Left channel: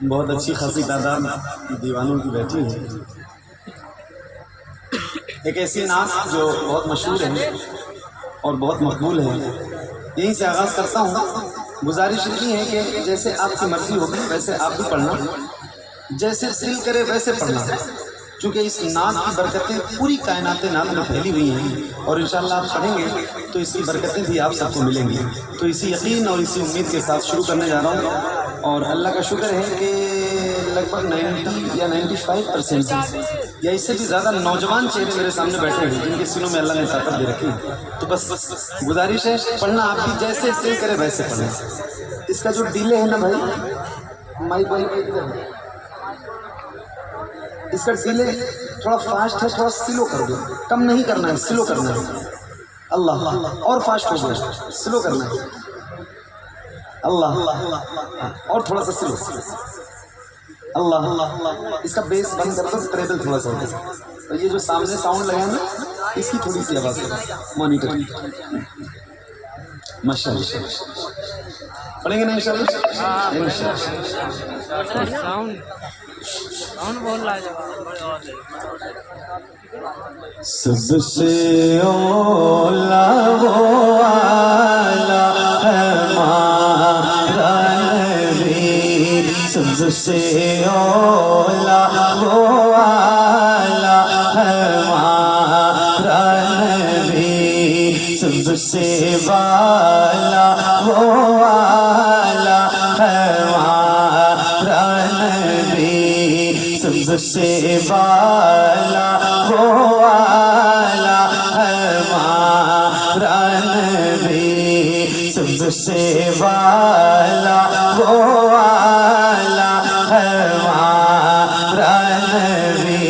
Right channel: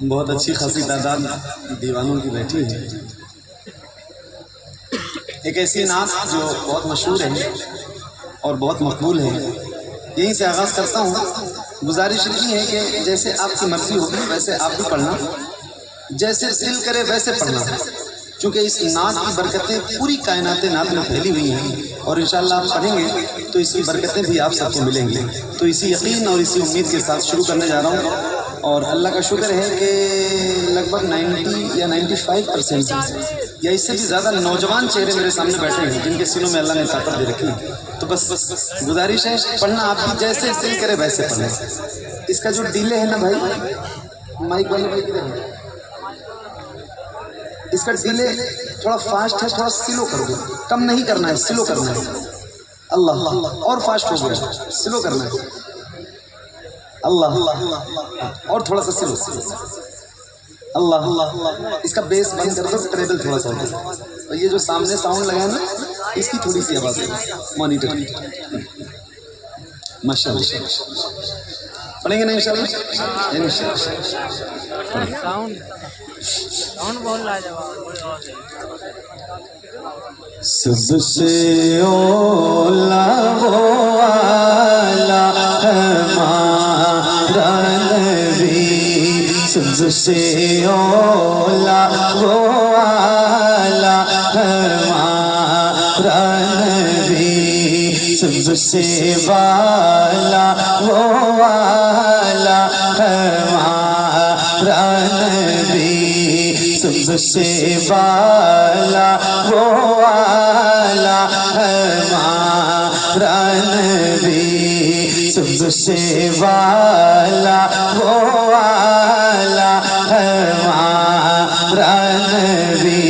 बहुत अच्छी खासी तादाद दीवानों की बैठी है। एक ऐसी नात जो बहुत मशहूर है और बहुत मकबूल है, यहीं से आगाज़ करता हूँ। गुजारिश इतनी है कि जैसे आपकी मर्जी होगी वैसे आप भी पढ़ना, जैसे दिल करे वैसे पढ़ना, क्योंकि इस नात की बरकतें पूरी कायनात नात में फैली हुई हैं और इंशाअल्लाह आप पढ़ेंगे तो इसकी बरकतें भी आप सबको मिलेंगी। तो इसी यकीन और इसी उम्मीद के साथ शुरू करने जा रहा हूँ। और अल्लाह का शुक्र है कि लगभग 90 या 95% या इससे भी ज़्यादा नौजवान चेहरे मेरे सामने बैठे हैं जिनके सीनों में अल्लाह ने ताकत दे रखी है। तो बस गुजारिश है, पढ़ना आपकी जैसे दिल करे वैसे पढ़ना। इसका जो डिले है ना भाई, माइक वाली इसका डिले थोड़ा फास्ट है, थोड़ा स्लो कर दो। कम नहीं करना है, स्लो करना है। अल्लाह और फास्ट हो गया, स्लो करना है। अल्लाह और थोड़ा सा स्लो। अल्लाह इसका बेस बंद कर दो, ट्रेबल थोड़ा सा। तो ये जो सामने साउंड लगा ना, इसकी थोड़ी सी आवाज है मॉनिटर। माशाअल्लाह पढ़ेंगे ना इंशाअल्लाह। साउंड बहुत लाजवाब। सबसे ओला वो आला हमारा नबी, सबसे ओला वो आला हमारा नबी, सबसे बाला वो आला हमारा नबी, सबसे बाला वो आला हमारा नबी, सबसे बाला वो आला हमारा नबी।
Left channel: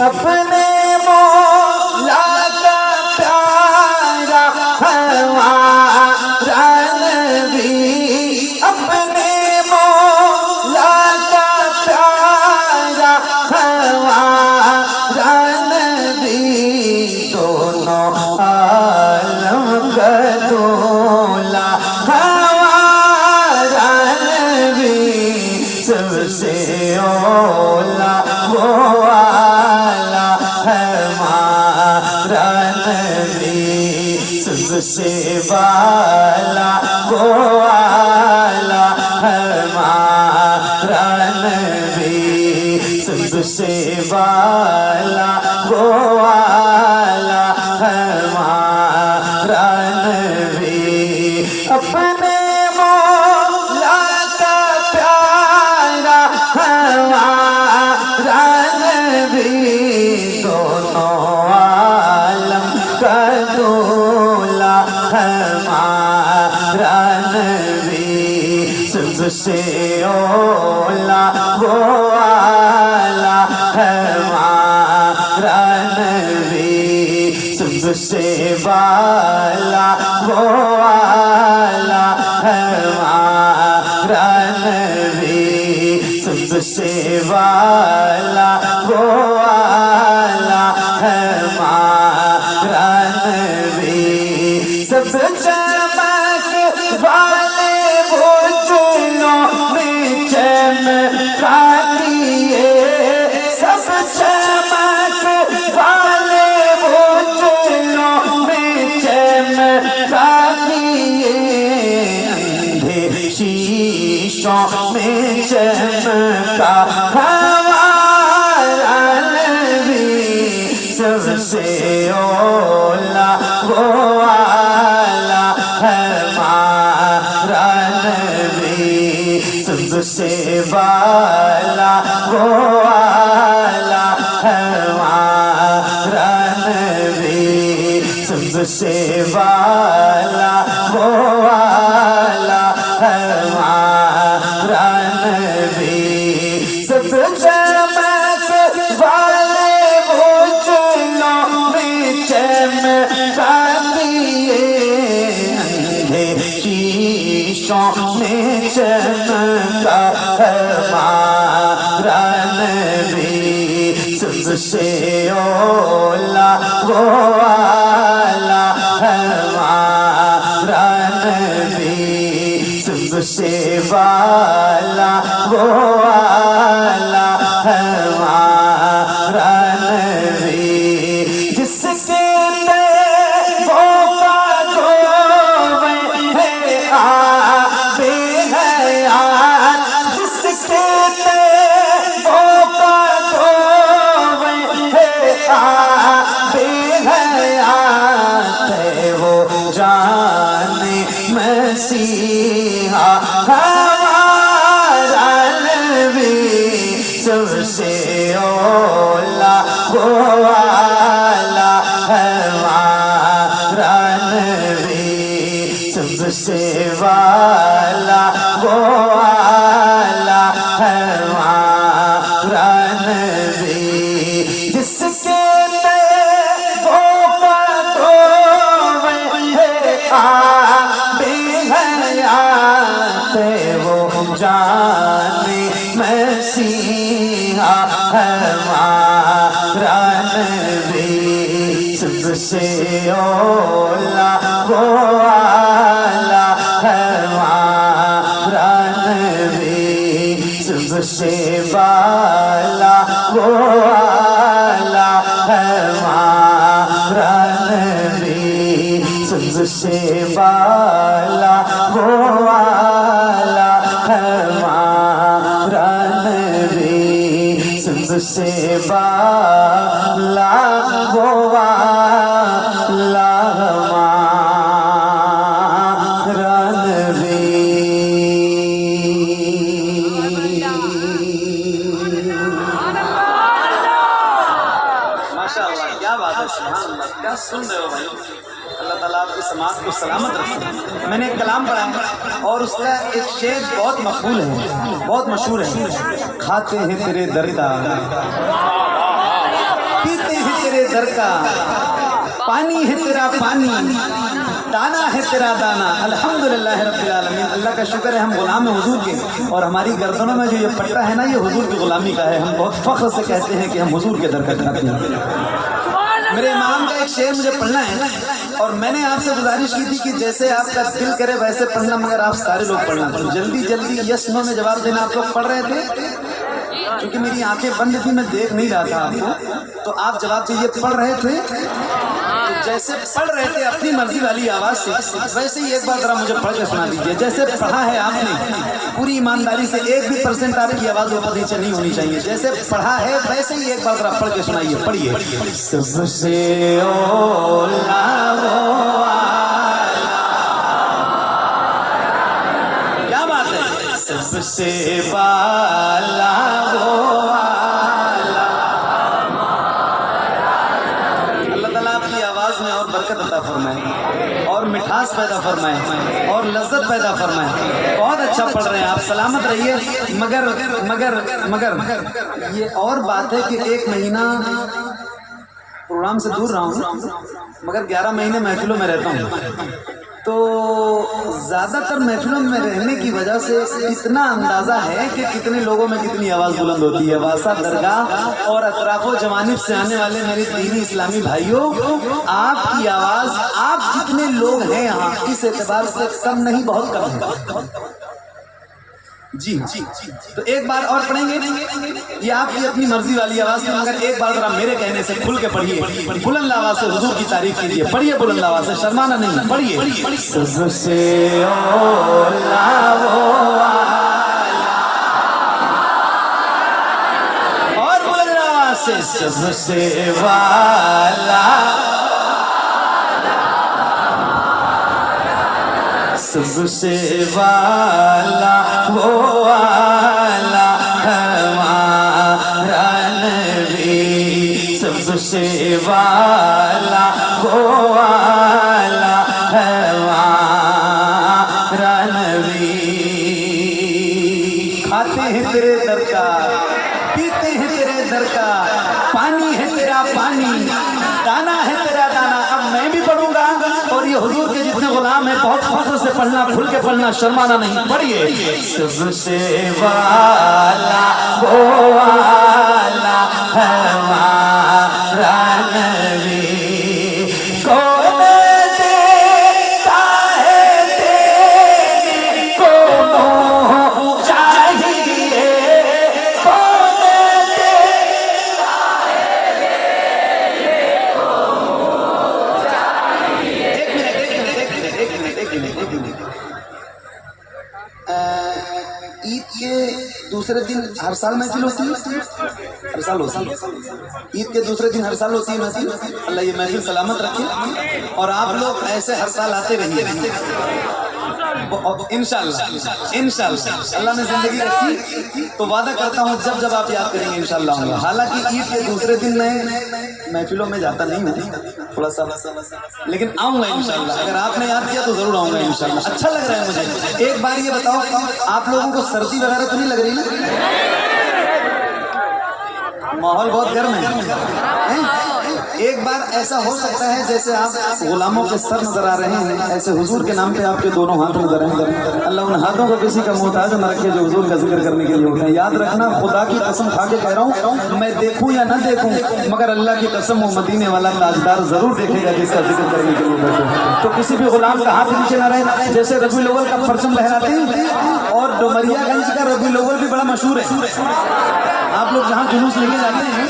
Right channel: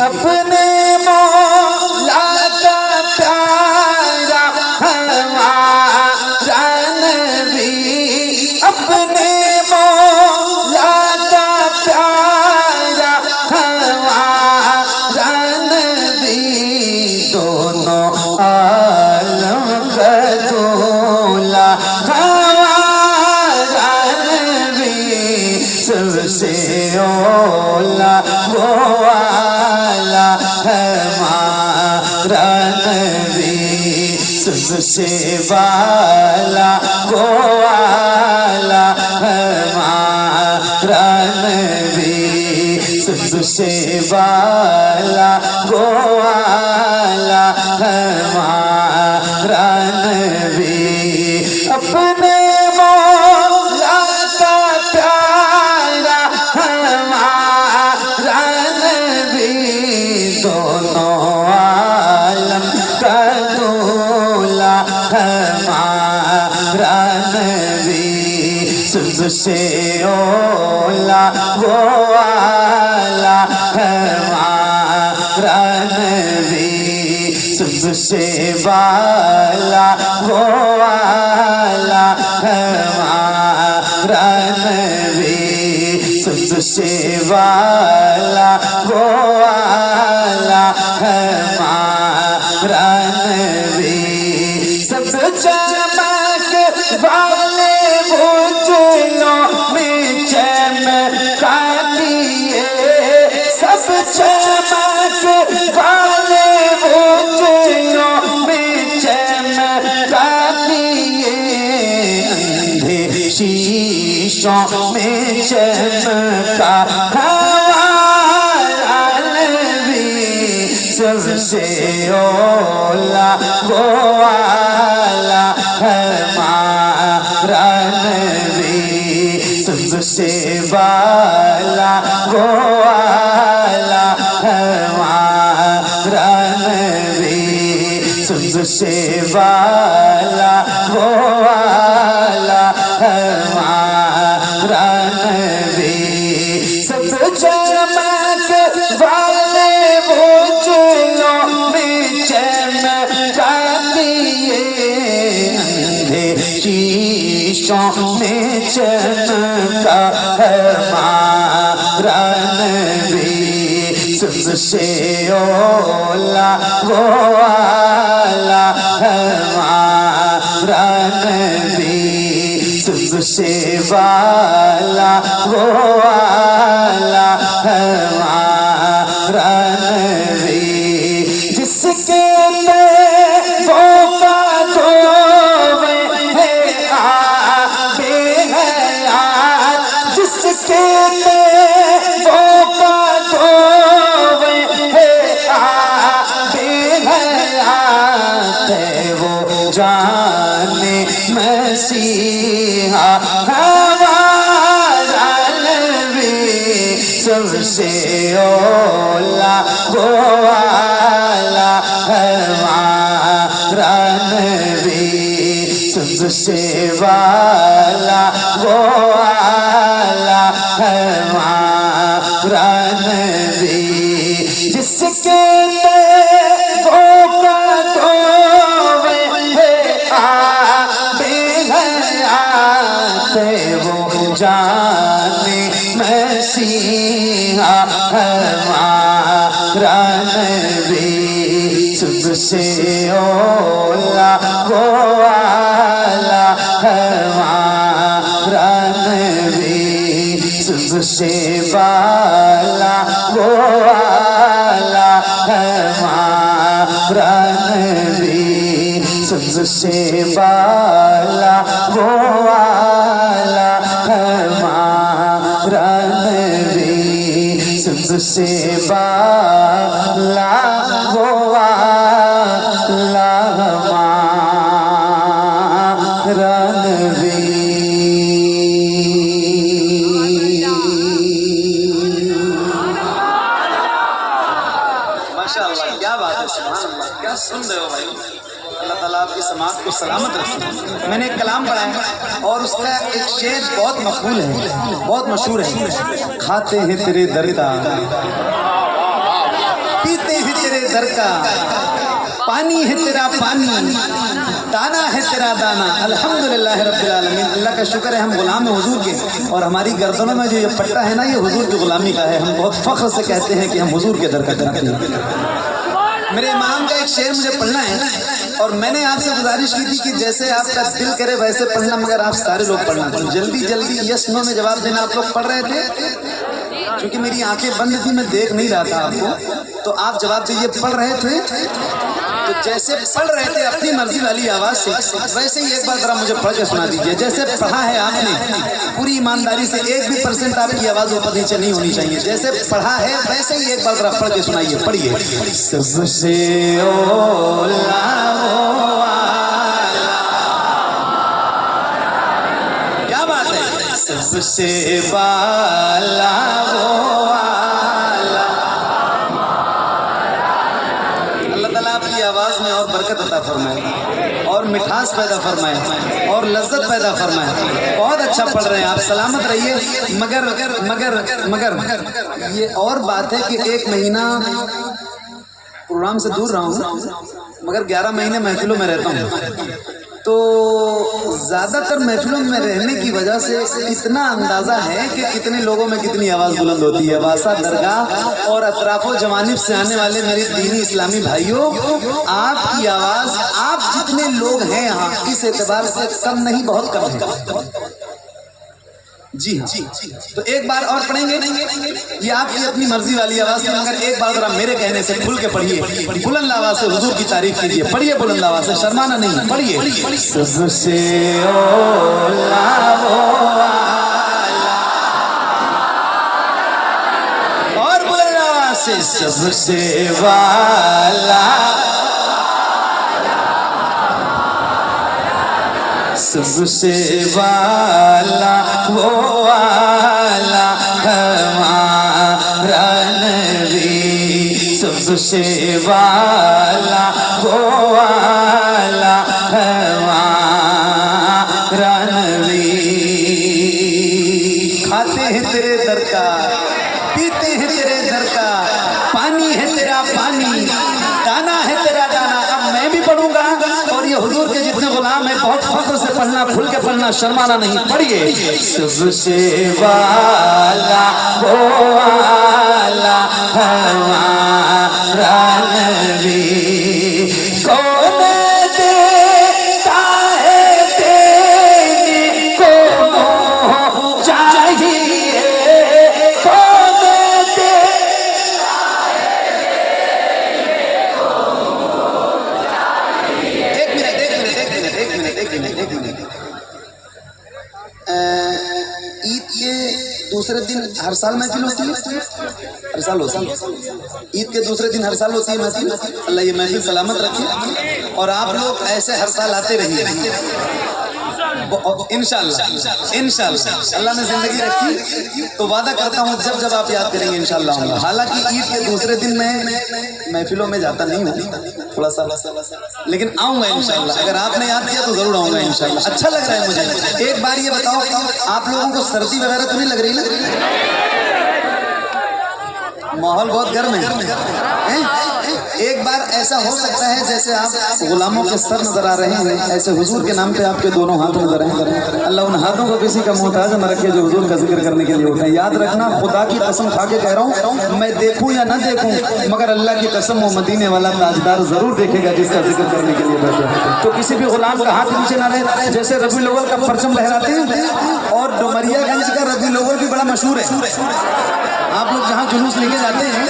अपने मौला का प्यारा हमारा नबी, अपने मौला का प्यारा हमारा नबी, दोनों आलम का दूल्हा हमारा नबी, सबसे ओला वो आला हमारा नबी, सबसे बाला वो आला हमारा नबी, सबसे बाला वो आला हमारा नबी। अपने मौला का प्यारा हमारा नबी, दोनों आलम का दूल्हा हमारा नबी, सबसे ओला वो आला हमारा नबी, सबसे बाला वो आला हमारा नबी, सबसे बाला वो आला हमारा नबी। सब चमक वाले वो चूलों में चमकाती है, सब चमक वाले वो चूलों में चमकाती है, अंधे शीशों में चमका हमारा नबी, सबसे ओला वो आला हमारा नबी, सबसे बाला वो आला हमारा नबी, सबसे बाला वो आला हमारा नबी। सब चमक वाले वो चूलों में चमकाती है, अंधे शीशों में चमका हमारा नबी, सबसे ओला वो आला हमारा नबी, सबसे वाला वो वाला हमारा नबी, जिसके मसीहा हमारा नबी, सबसे ओला वो वाला हमारा नबी, सबसे वाला वो वाला हमारा नबी, जिसके जाने मसीहा हमारा नबी, सबसे ओला वो वाला हमारा नबी, सबसे वाला वो वाला हमारा नबी, सबसे वाला वो वाला हमारा नबी, सबसे वाला वो वाला हमारा नबी। माशाअल्लाह, क्या बात है, सुभान अल्लाह, क्या सुन रहे हो भाई। अल्लाह ताला आपकी समाज को सलामत रखे। मैंने एक कलाम पढ़ा है और उसका एक शेर बहुत मकबूल है, बहुत मशहूर है। खाते हैं तेरे दर का, पीते हैं तेरे दर का, पानी है तेरा पानी, दाना है तेरा दाना। अल्हम्दुलिल्लाह रब्बिल आलमीन। अल्लाह का शुक्र है हम गुलाम हैं हुजूर के, और हमारी गर्दनों में जो ये पट्टा है ना, ये हुजूर की गुलामी का है। हम बहुत फख्र से कहते हैं कि हम हुजूर के दर का करते हैं। मेरे इमाम का एक शेर मुझे पढ़ना है, और मैंने आपसे गुजारिश की थी कि जैसे आपका दिल करे वैसे पढ़ना, मगर आप सारे लोग पढ़ना। तो जल्दी जल्दी यस नो में जवाब देना। आप लोग पढ़ रहे थे, क्योंकि मेरी आंखें बंद थी, मैं देख नहीं रहा था आपको, तो आप जवाब दीजिए। पढ़ रहे थे तो जैसे पढ़ रहे थे अपनी मर्जी वाली आवाज से, वैसे ही एक बार जरा मुझे पढ़ के सुना दीजिए। जैसे पढ़ा है आपने, पूरी ईमानदारी से 1 भी % आपकी आवाज ऊपर नीचे नहीं होनी चाहिए। जैसे पढ़ा है वैसे ही एक बार जरा पढ़ के सुनाइए। पढ़िए। सबसे ओला वो वाला, क्या बात है, सबसे वाला वो वाला। अल्लाह ताला आपकी आवाज में और बरकत अता फरमाए, और मिठास पैदा फरमाए, और लज्जत पैदा फरमाए। बहुत अच्छा पढ़ रहे हैं आप, सलामत रहिए। मगर मगर मगर मगर ये और बात है कि 1 महीना प्रोग्राम से दूर रहा हूँ, मगर 11 महीने महफिलों में रहता हूँ, तो ज्यादातर महफिलों में रहने की वजह से इतना अंदाजा है कि कितने लोगों में कितनी आवाज बुलंद होती है। वासा दरगाह और अतराफो जवानिब से आने वाले मेरे दीनी इस्लामी भाइयों, आपकी आवाज, आप जितने लोग हैं यहाँ, इस एतबार से कम नहीं, बहुत कम है। जी हाँ, तो एक बार और पढ़ेंगे। ये आपकी अपनी मर्जी वाली आवाज है, मगर एक बार जरा मेरे कहने से खुल के पढ़िए, बुलंद आवाज से हुजूर की तारीफ कीजिए। पढ़िए बुलंद आवाज से, शर्माना नहीं, पढ़िए। सबसे ओला वो वाला, और बुलंद आवाज से, सबसे वाला, सबसे वाला वो वाला हमारा नबी, सबसे वाला वो वाला हमारा नबी। खाते हैं तेरे दर का, पीते हैं तेरे दर का, पानी है तेरा पानी, दाना है तेरा दाना। अब मैं भी पढ़ूंगा, और ये हुजूर के जितने गुलाम हैं, बहुत फख्र से पढ़ना, खुल के पढ़ना, शर्माना नहीं। पढ़िए। सबसे वाला वो वाला हमारा नबी, कौन देता है तेरी को दूसरे दिन हर साल महफिल होती है? हर साल होती है। ईद के दूसरे दिन हर साल होती है महफिल। अल्लाह ये महफिल सलामत रखे और आप लोग ऐसे हर साल आते रहिए इंशाल्लाह। इंशाल्लाह अल्लाह ने जिंदगी रखी तो वादा करता हूँ जब जब आप याद करेंगे इंशाल्लाह आऊंगा। हालांकि ईद के दूसरे दिन मैं महफिलों में जाता नहीं हूँ थोड़ा सा, लेकिन आऊंगा इंशाल्लाह। अगर आपने याद किया तो जरूर आऊंगा इंशाल्लाह। अच्छा लग रहा है मुझे। एक बार ये बताओ आप लोगों को सर्दी वगैरह तो नहीं लग रही? माहौल बहुत गर्म है। एक बार ऐसा हो सकता है जैसे आप गुलामों के सर नजर आ रहे हैं, ऐसे हुजूर के नाम पे आपके दोनों हाथ नजर आए। अल्लाह उन हाथों को किसी का मोहताज न रखे जो हुजूर का जिक्र करने के लिए उठे। याद रखना, खुदा की कसम खा के कह रहा हूँ, मैं देखूं या ना देखूं मगर अल्लाह की कसम वो मदीने वाला ताजदार जरूर देखेगा जिसका जिक्र करने के लिए बैठे। तो किसी भी गुलाम का हाथ नीचे ना रहे। जैसे रबीउल अव्वल का परचम लहराते हैं और डुमरियागंज का रबीउल अव्वल भी बड़ा मशहूर है। आप लोग जहाँ जुलूस लेके जाते हैं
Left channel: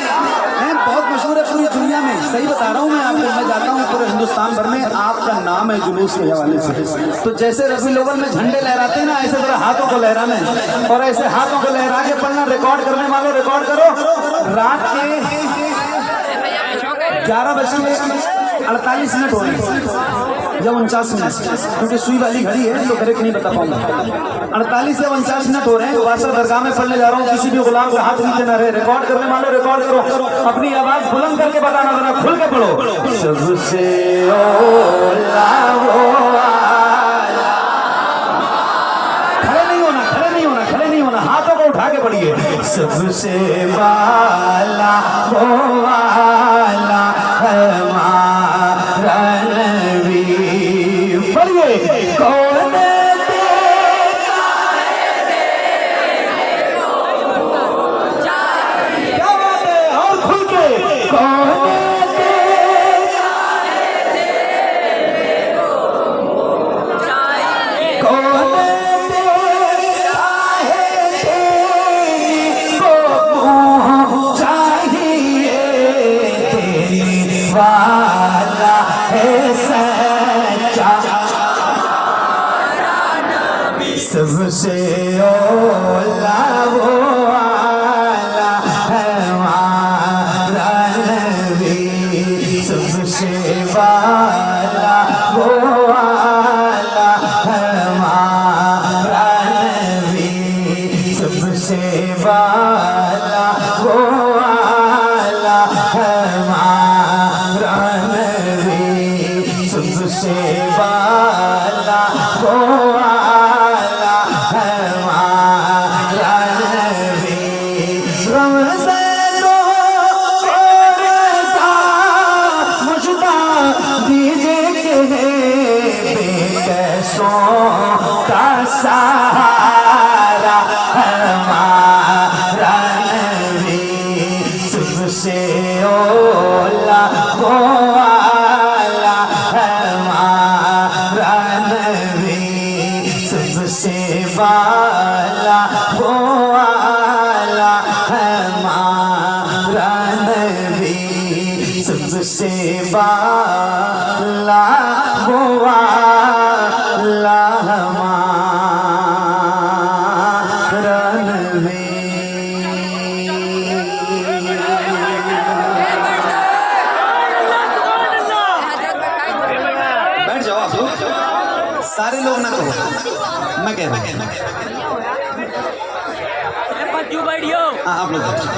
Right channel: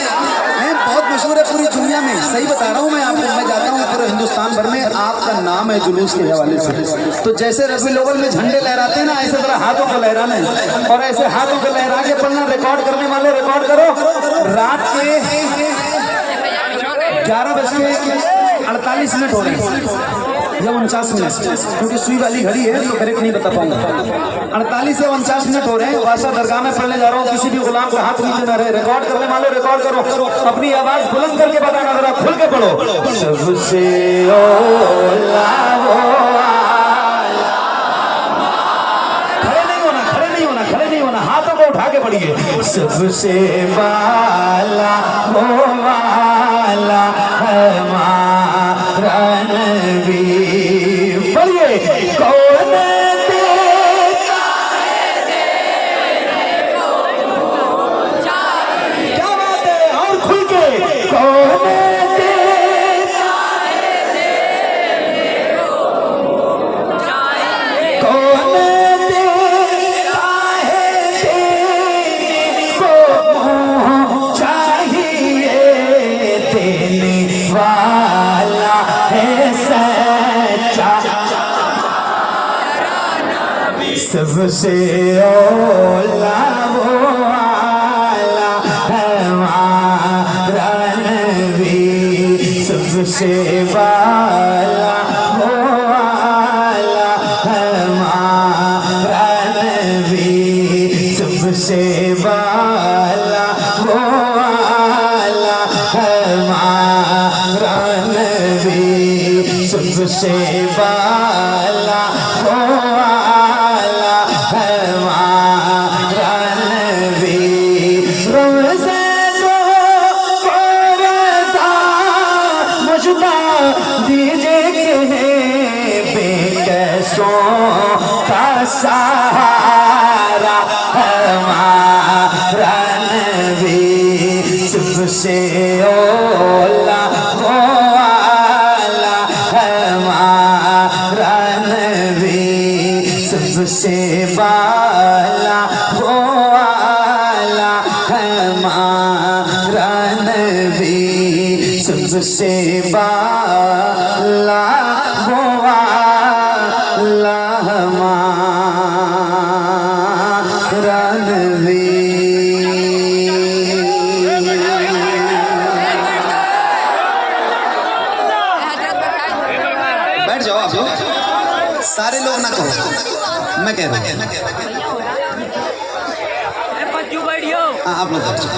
बहुत मशहूर है पूरी दुनिया में। सही बता रहा हूँ मैं आपको, मैं जाता हूँ पूरे हिंदुस्तान भर में आपका नाम है जुलूस के हवाले से। तो जैसे रबीउल अव्वल में झंडे लहराते हैं ना, ऐसे तरह हाथों को लहराना है और ऐसे हाथों को लहरा के पढ़ना। रिकॉर्ड करने वाले रिकॉर्ड करो। रात के 11:48 हो रहे हैं या 49 मिनट, क्योंकि सुई वाली घड़ी है तो करेक्ट नहीं बता पाऊंगा। 48 से 49 मिनट हो रहे हैं। बादशाह दरगाह में पढ़ने जा रहा हूँ। किसी भी गुलाम का हाथ नीचे ना रहे। रिकॉर्ड करने वाले रिकॉर्ड करो। अपनी आवाज बुलंद करके बताना, जरा खुल के पढ़ो। सबसे औला वो खड़े नहीं होना, खड़े नहीं होना, खड़े नहीं होना। हाथों को उठा के पढ़िए। सबसे वाला वो वाला हमारा नबी। पढ़िए। कौन देता है देने को चाहिए। क्या बात है, और खुल के। कौन देता है देने को चाहिए। कौन देता है देने को चाहिए। देने वाला है सच्चा सबसे औला वो वाला हमारा नबी। सबसे वाला वो वाला हमारा नबी। सबसे वाला वो वाला हमारा नबी। सबसे वाला वो वाला हमारा नबी। रमज़ान रोज़ा मुझदा दीजिए बेकसों का सहारा हमारा नबी। सबसे औला वो वाला हमारा नबी। सबसे वाला वो वाला हमारा नबी। सबसे वाला वो वाला हमारा नबी। बैठ जाओ आप लोग, सारे लोग ना कहो, मैं कह रहा हूँ। क्यों बैठियो? हाँ आप लोग बैठ जाओ।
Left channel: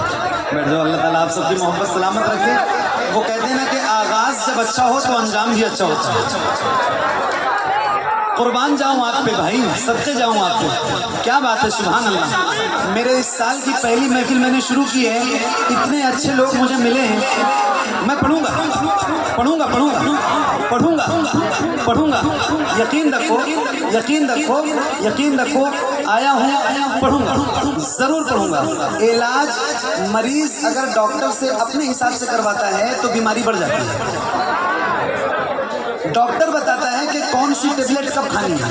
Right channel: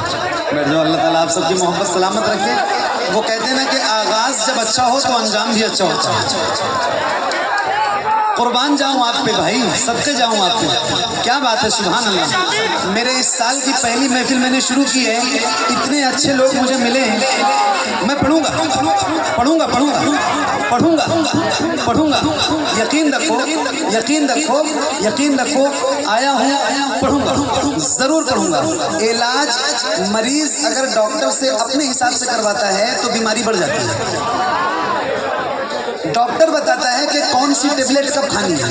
अल्लाह ताला आप सबकी मोहब्बत सलामत रखे। वो कहते हैं ना कि आगाज जब अच्छा हो तो अंजाम भी अच्छा होता है। कुर्बान जाऊं आप पे भाई, सबके जाऊं आप पे। क्या बात है, सुभान अल्लाह। मेरे इस साल की पहली महफिल मैंने शुरू की है। इतने अच्छे लोग मुझे मिले हैं। मैं पढ़ूंगा पढ़ूंगा पढ़ूंगा पढ़ूंगा पढ़ूंगा। यकीन रखो, यकीन रखो, यकीन रखो। आया हूँ, पढ़ूंगा, जरूर पढ़ूंगा। इलाज मरीज अगर डॉक्टर से अपने हिसाब से करवाता है तो बीमारी बढ़ जाती है। डॉक्टर बताता है कि कौन सी टेबलेट कब खानी है,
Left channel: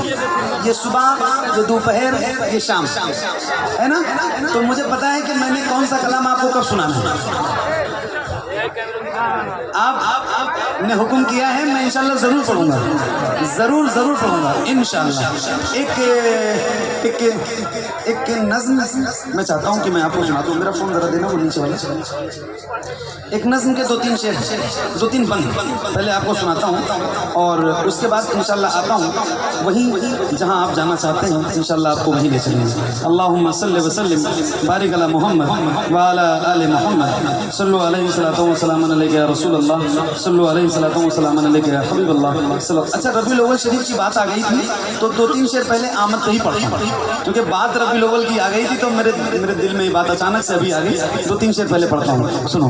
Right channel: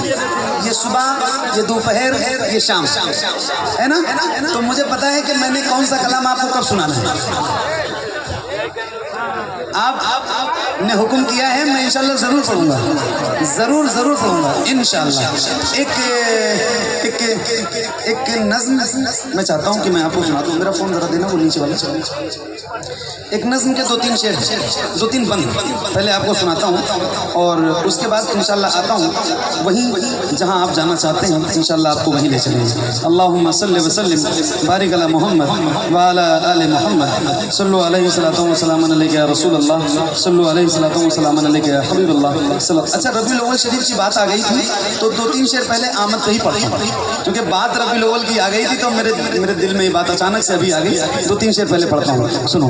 ये सुबह, ये दोपहर, ये शाम, है ना। तो मुझे पता है कि मैंने कौन सा कलाम आपको कब सुनाना है। आपने हुक्म किया है, मैं इंशाल्लाह जरूर पढ़ूंगा, जरूर जरूर पढ़ूंगा इंशाल्लाह। एक नज्म मैं चाहता हूँ कि मैं आपको सुना दूँ। मेरा फोन जरा देना, वो नीचे वाला। एक नज्म के 2-3 शेर, 2-3 बंद पहले आपको सुनाता हूँ और उसके बाद इंशाल्लाह आता हूँ वहीं जहाँ आप जाना चाहते हैं, इंशाल्लाह आपको वहीं ले चलेंगे। अल्लाहुम्मा सल्लि व सल्लिम बारिक अला मुहम्मद व अला आलि मुहम्मद सल्लु अलैहि सल्लतु व सलामुन अलैका या रसूलल्लाह सल्लु अलैहि सल्लतु व सलामुन अलैका या हबीबल्लाह। अच्छा, रबीउल अव्वल शरीफ की बात आ गई थी तो 2-3 शेर पहले आमद पे ही पढ़ता हूँ, क्योंकि बात रबीउल अव्वल की आ गई थी तो मेरे दिल में ये बात अचानक से अभी आ गई। 2-3 शेर पहले पढ़ता हूँ, सुनो।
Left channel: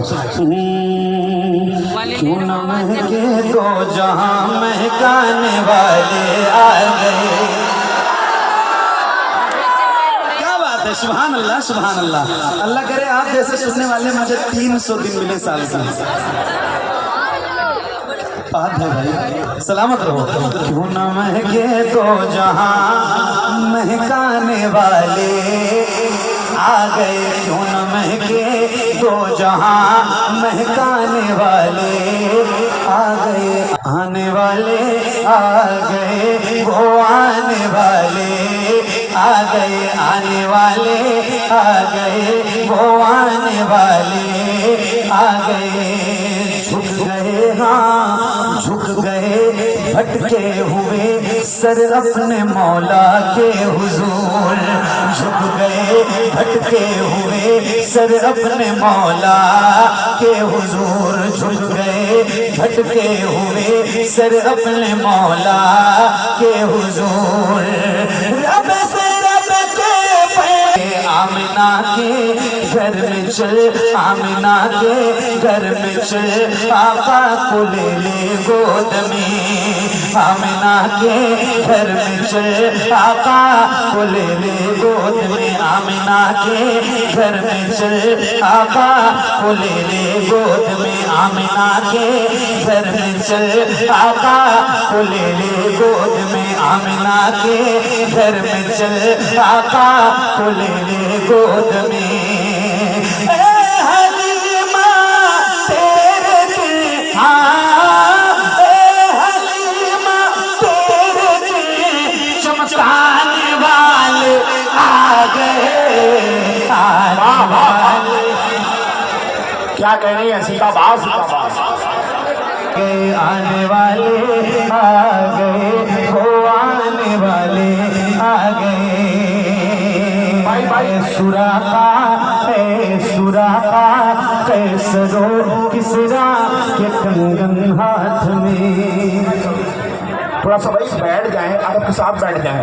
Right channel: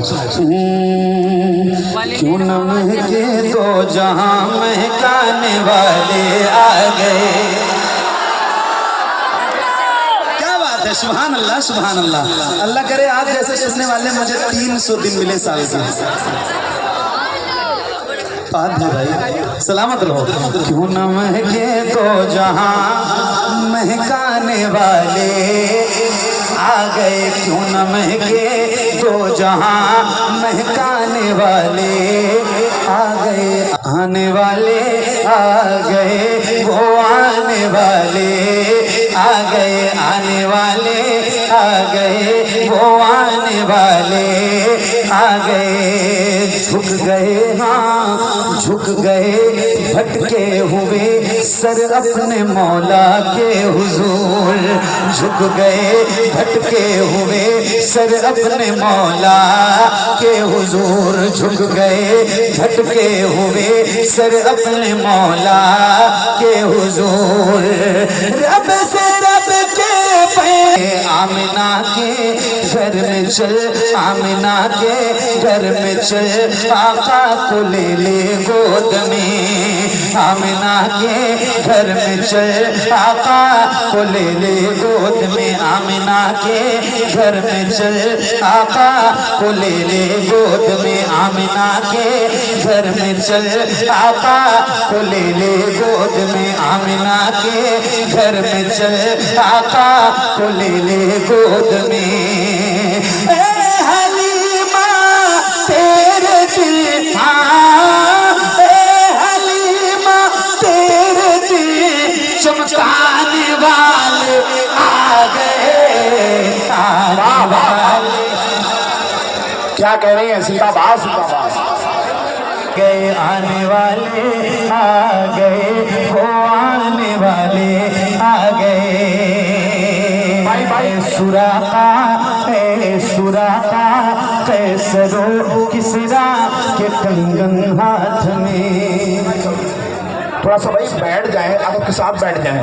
क्यों न महके दो जहां महकाने वाले आ गए। क्या बात है, सुभान अल्लाह सुभान अल्लाह। अल्लाह करे आप जैसे सुनने वाले मुझे 300 दिन मिले साल से। बात है भाई, सलामत रहो। क्यों न महके दो जहां महकाने वाले आ गए। क्यों न महके दो जहां महकाने वाले आ गए। आने वाले आ गए, वो आने वाले आ गए। आने वाले आ गए, वो आने वाले आ गए। झुक गए, हाँ झुक गए, भटके हुए सर अपने मौला के हुजूर। झुक गए, भटके हुए सर अपने मौला के हुजूर। झुक गए, भटके हुए सर अपने मौला के हुजूर। रब से रब के पे आमिना के घर में चल, आमिना के घर में चल, आका को ले ले गोद में। आमिना के घर में चल, आका को ले ले गोद में। आमिना के घर में चल, आका को ले ले गोद में। आमिना के घर में चल, आका को ले ले गोद में। आमिना के घर में चल, आका को ले ले गोद में। चमकाने वाले आ गए, आने वाले। क्या कह रही है सीताबास गए, आने वाले आ गए, वो आने वाले आ गए। सुराखा कैसरो किसरा के कंगन हाथ में। थोड़ा सा भाई बैठ जाए, आप आपके साथ बैठ जाए।